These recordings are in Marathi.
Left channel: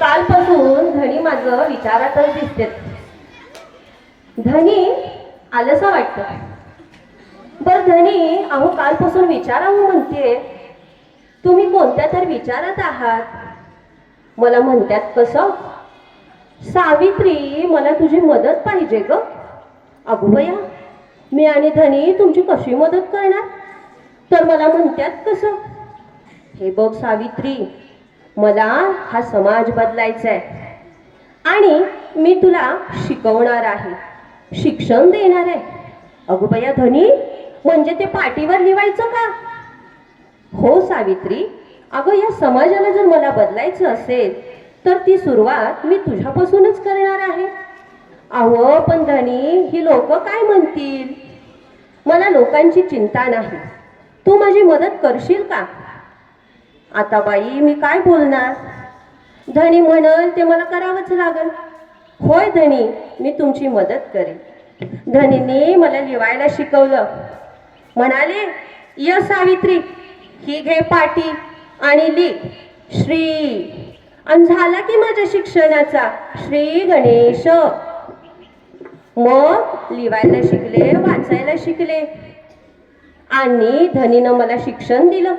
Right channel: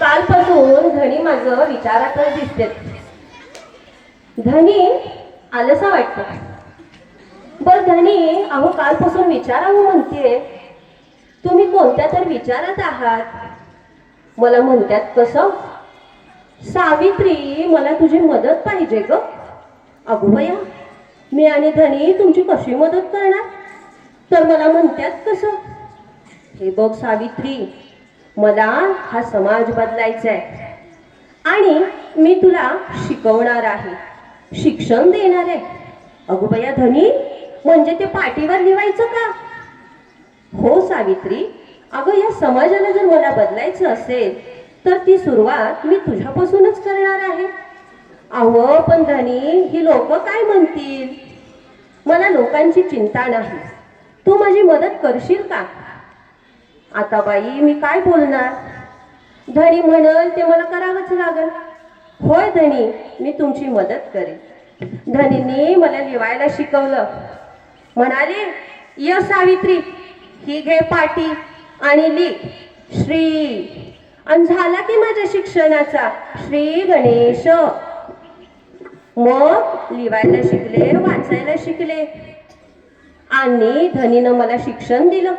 कालपासून धनी माझं विचारातच दिसते. धनी आलंस वाटतं. बर धनी अहो कालपासून विचारावं म्हणते. तुम्ही कोणत्या तर विचारात आहात? मला म्हणतात कसं सावित्री मला तुझी मदत पाहिजे ग. अगो मी आणि धनी तुमची कशी मदत करणार? तर मला म्हणतात कसं हे बघ सावित्री मला हा समाज बदलायचा आहे आणि मी तुला शिकवणार आहे. शिक्षण देणार. आहे अगोबया धनी म्हणजे ते पाठीवर लिवायचं का? हो सावित्री अगं या समाजाला जर मला बदलायचं असेल तर ती सुरुवात मी तुझ्यापासूनच करणार आहे. अहो पण धनी ही लोक काय म्हणतील? मला लोकांची चिंता नाही. तू माझी मदत करशील का? आता बाई मी काय बोलणार? धनी म्हणल ते मला करावंच लागल. होय धनी मी तुमची मदत करेन. धनीने मला लिवायला शिकवलं. म्हणाले य सावित्री ही घे पाटी आणि ली. श्री. आणि झाला की माझ्या शिक्षणाचा. श्री गणेश. मग लिवायला शिकले वाचायला शिकले. आणि धनीनं मला शिक्षण दिलं.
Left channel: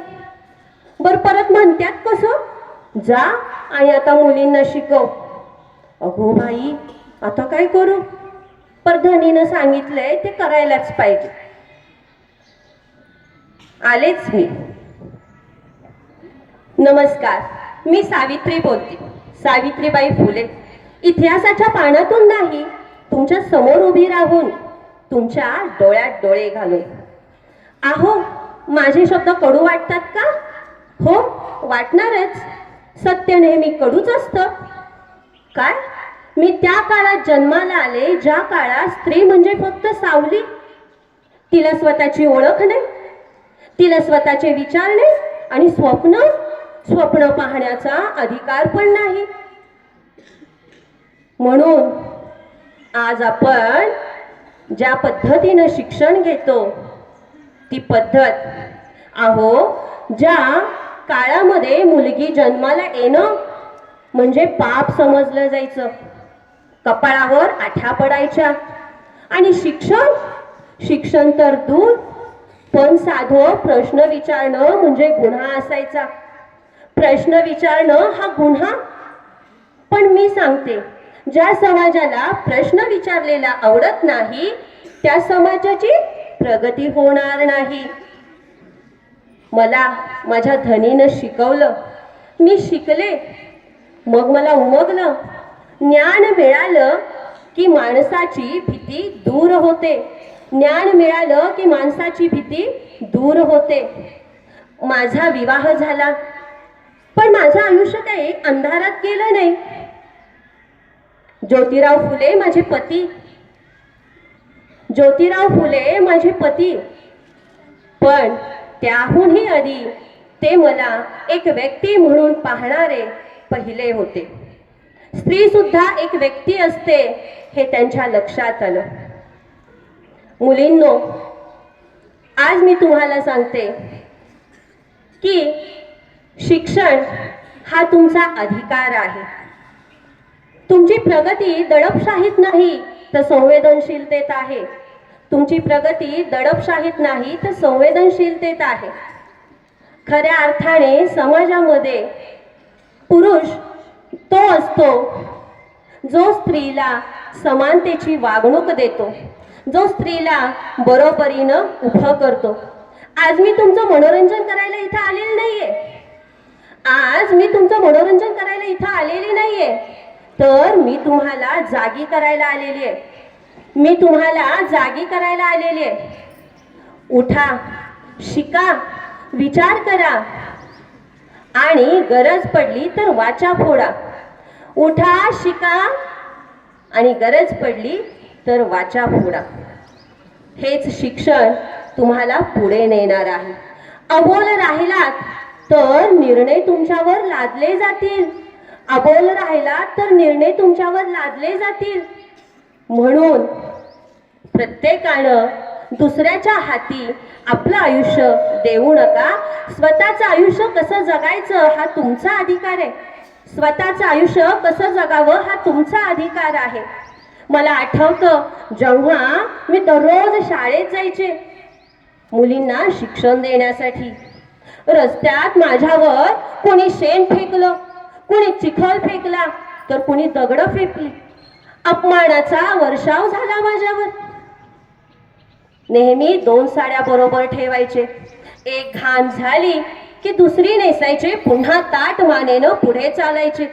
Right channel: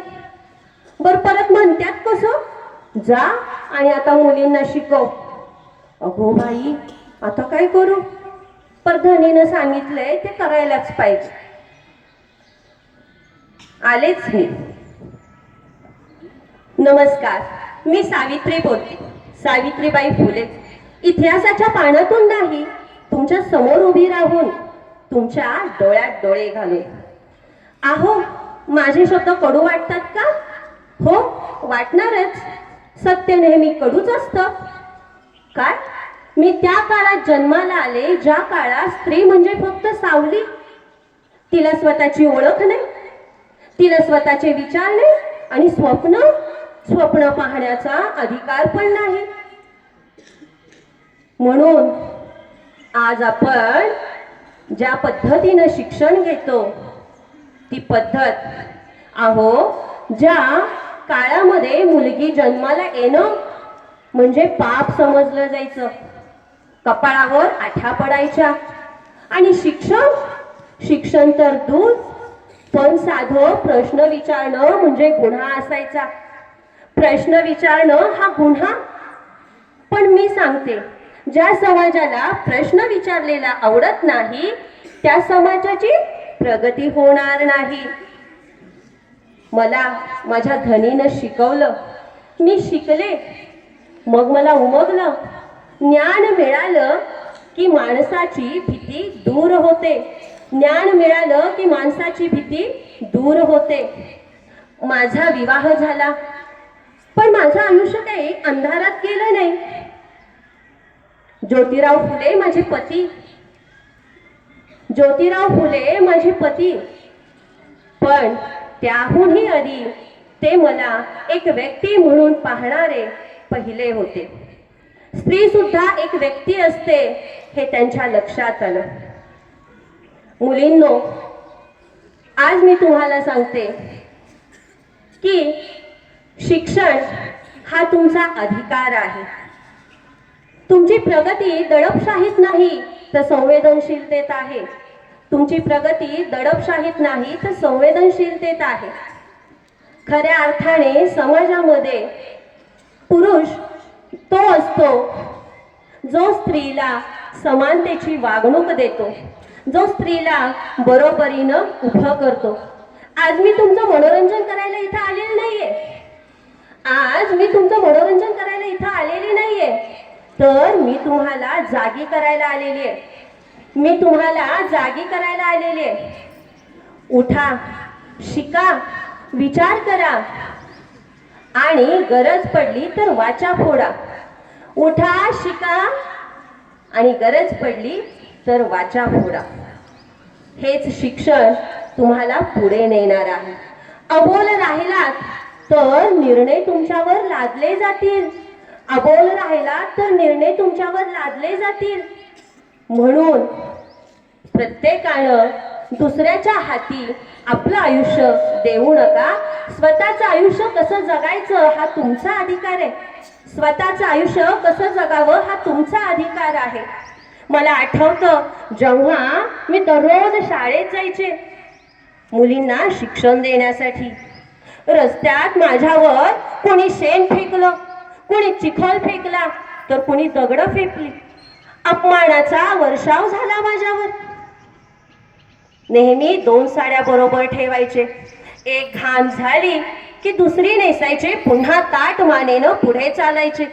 बर परत म्हणतात कसं? जा आणि आता मुलींना शिकव. अगो बाई आता काय करू? पर धनीनं सांगितलंय ते करायलाच पाहिजे. आलेच मी. नमस्कार मी सावित्री बोलते. सावित्रीबाई फुले. इतिहासाच्या पानातून नाही तुमच्यासमोर उभी राहून तुमच्या डोळ्यात डोळे घालून. आहो माझे शब्द कडू वाटतात का? वाटणारच. सत्य नेहमी कडूच असतं. काय? मी त्या काळात जन्माला आले ज्या काळात स्त्री म्हणजे फक्त सावली. तिला स्वतःची ओळख नाही तिला स्वतःचे विचार नाही आणि स्वप्न स्वप्न पाहण्याचा अधिकार पण नाही. म्हणून आज आपण ज्या पद्धतीनं शिक्षण घेतो ती पद्धत आहो ज्या काळामध्ये मुलगी जन्माला येणं म्हणजे पाप समजलं जायचं. कपाळावर आठ्या पडायच्या. आणि शिक्षण? शिक्षण तर दूर पण साधं प्रश्न विचारणं म्हणजे गुन्हा असायचा. प्रश्न विचारणं हा गुन्हा? पण मी सांगते ज्या समाजाला प्रश्न विचारलेला आवडत नाही त्या समाजाची प्रगती होणार नाही. मला माझ्या धनीनं शिकवलं. मी शिकले. मग मला उमगलं. ज्ञान मिळालं की माणसाची भीती दूर होते. ज्ञान मिळालं की माणसाची भीती दूर होते. माझा विवाह झाला. पण माझं आयुष्य काही अंधारात गेलं नाही. ज्योतिराव फुले माझे पती. ज्योतिराव फुले माझे पती. पण त्याहूनही आधी ते मला एक व्यक्ती म्हणून पाहणारे पहिले होते. स्त्री सुद्धा एक व्यक्ती असते हे त्यांच्या लक्षात आलं. मुलींनो आज मी तुम्हाला सांगते की शिक्षण हा तुमचा अधिकार आहे. तुमची प्रगती दडपशाहीत नाही तर संवेदनशीलतेत आहे. तुमची प्रगती दडपशाहीत नाही तर संवेदनशीलतेत आहे. खऱ्या अर्थाने समाजामध्ये पुरुष तो असतो जो स्त्रीला समानतेची वागणूक देतो जो स्त्रीला बरोबरीनं उभं करतो. आज मी तुमचं मनोरंजन करायला इथं आलेले नाहीये. आज मी तुमचं मनोरंजन करायला इथं आलेली नाहीये. तर मी तुम्हाला जागी करायला आलेली आहे. मी तुम्हाला जागी करायला आलेली. आहे उठा शिका विचार करा. आणि गरज पडली तर वाचा फोडा. उठा शिका आणि गरज पडली तर वाचा फोडा. हेच शिक्षण तुम्हाला पुढे नेणार आहे. अबोल राहिलात तर निर्णय तुमच्यावर लादले जातील. अबोल राहिलात तर निर्णय तुमच्यावर लादले जातील. म्हणून प्रत्येकानं दुसऱ्याच्या हाती आपलं आयुष्य देऊ नका. स्वतःचं आयुष्य कसं जगायचं हा तुमचा अधिकार आहे. स्वतःचं आयुष्य कसं जगावं हा तुमचा अधिकार आहे. मला आठवतं जेव्हा मी दररोज शाळेत जायचे मुलींना शिक्षण देण्यासाठी. रस्त्यात माझ्यावर कोणी शेण फेकलं कोणी चिखल फेकला तर कोणी दगडं फेकली. अपमानाचा वर्षाव झाला माझ्यावर. नेहमी दोन साड्या बरोबर ठेवायचे. एक घाण झाली की दुसरी नेसायचे. पुन्हा ताट मानेनं पुढे चालायचे.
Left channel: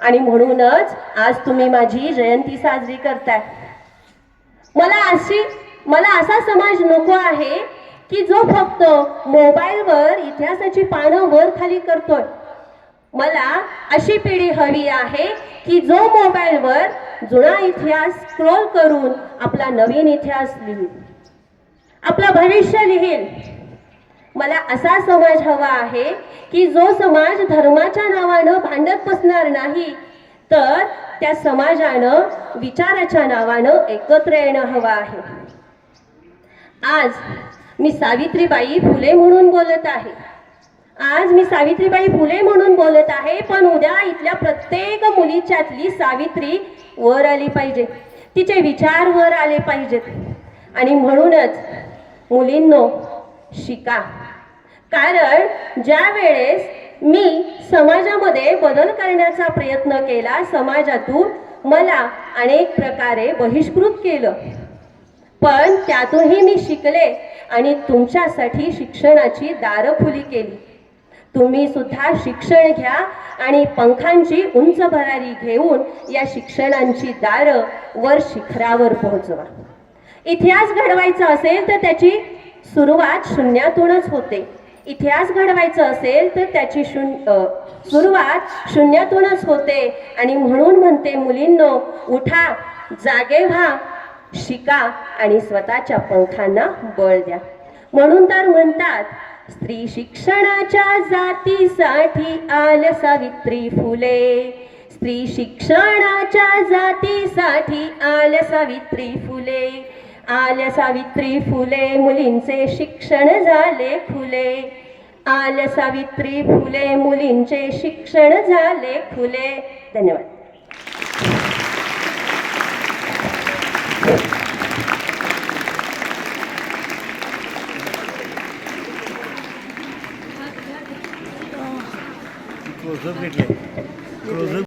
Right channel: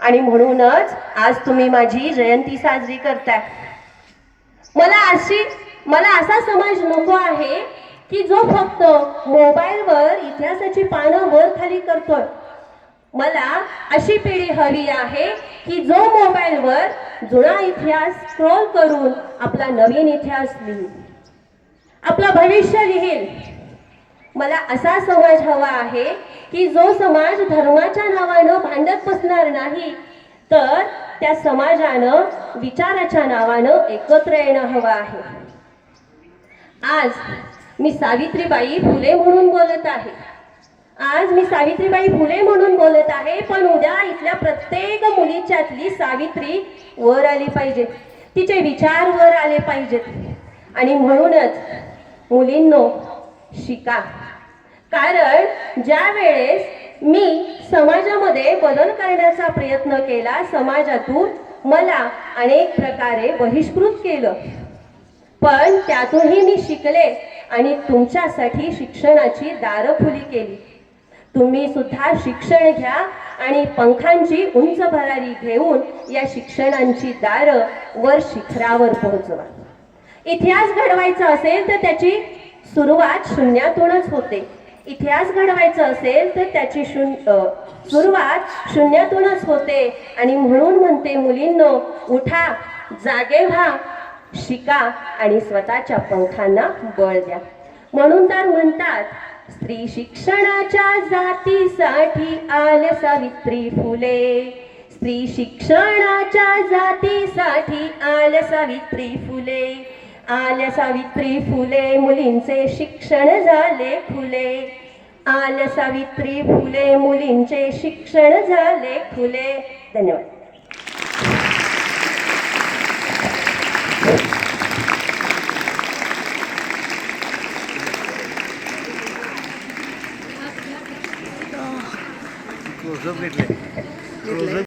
आणि म्हणूनच आज तुम्ही माझी जयंती साजरी करताय. मला अशी मला असा समाज नको आहे की जो फक्त मोबाईलवर इतिहासाची पानं वर खाली करतोय. मला अशी पिढी हवी आहे की जो मोबाईलवर जुना इतिहास स्क्रोल करून आपला नवीन इतिहास लिहिल आपलं भविष्य लिहिल मला असा समाज हवा आहे की जो समाज धर्माच्या नावानं भांडत बसणार नाही तर त्या समाजानं विचाराच्या नावानं एकत्र येणं हवं आहे. आज मी सावित्रीबाई फुले म्हणून बोलत आहे. आज मी सावित्रीबाई फुले म्हणून बोलत आहे पण उद्या इथल्या प्रत्येक मुलीच्यातली सावित्री वर आली पाहिजे. तिचे विचार वर आले पाहिजेत. आणि म्हणूनच मुलींनो शिका. कारण ज्या वेळेस मी समाजामध्ये बदल करण्याचा प्रयत्न केला समाजातून मला अनेक प्रकारे बहिष्कृत केलं. पण त्यातूनही मी शिकले आणि तुमच्यासाठी शिक्षणाची दारं खुली केली. तुम्ही सुद्धा शिक्षण घ्या आणि पंखांची उंच भरारी घेऊन या शिक्षणांची दारं वर शिखरावर पोहोचवा. इतिहास घडवायचा असेल तर त्याची सुरुवात शून्यातूनच होते. इतिहास घडवायचा असेल तर त्याची शून्य सुरुवात शून्यातूनच होते. आणि म्हणून म्हणते मुलींनो उठा जागे व्हा शिका आणि स्वतःच्या पंखांना बळ द्या. म्हणून तर म्हणतात स्त्री शिक्षणाच्या जातीसाठी आल सावित्री फुले. स्त्री शिक्षणाच्या जातीसाठी आल सावित्री फुले. आल सावित्री फुले मुलींचे शिक्षण झाले फुले. आल सावित्री फुले मुलींचे शिक्षण झाले फुले. धन्यवाद. क्लोजअप घेतले.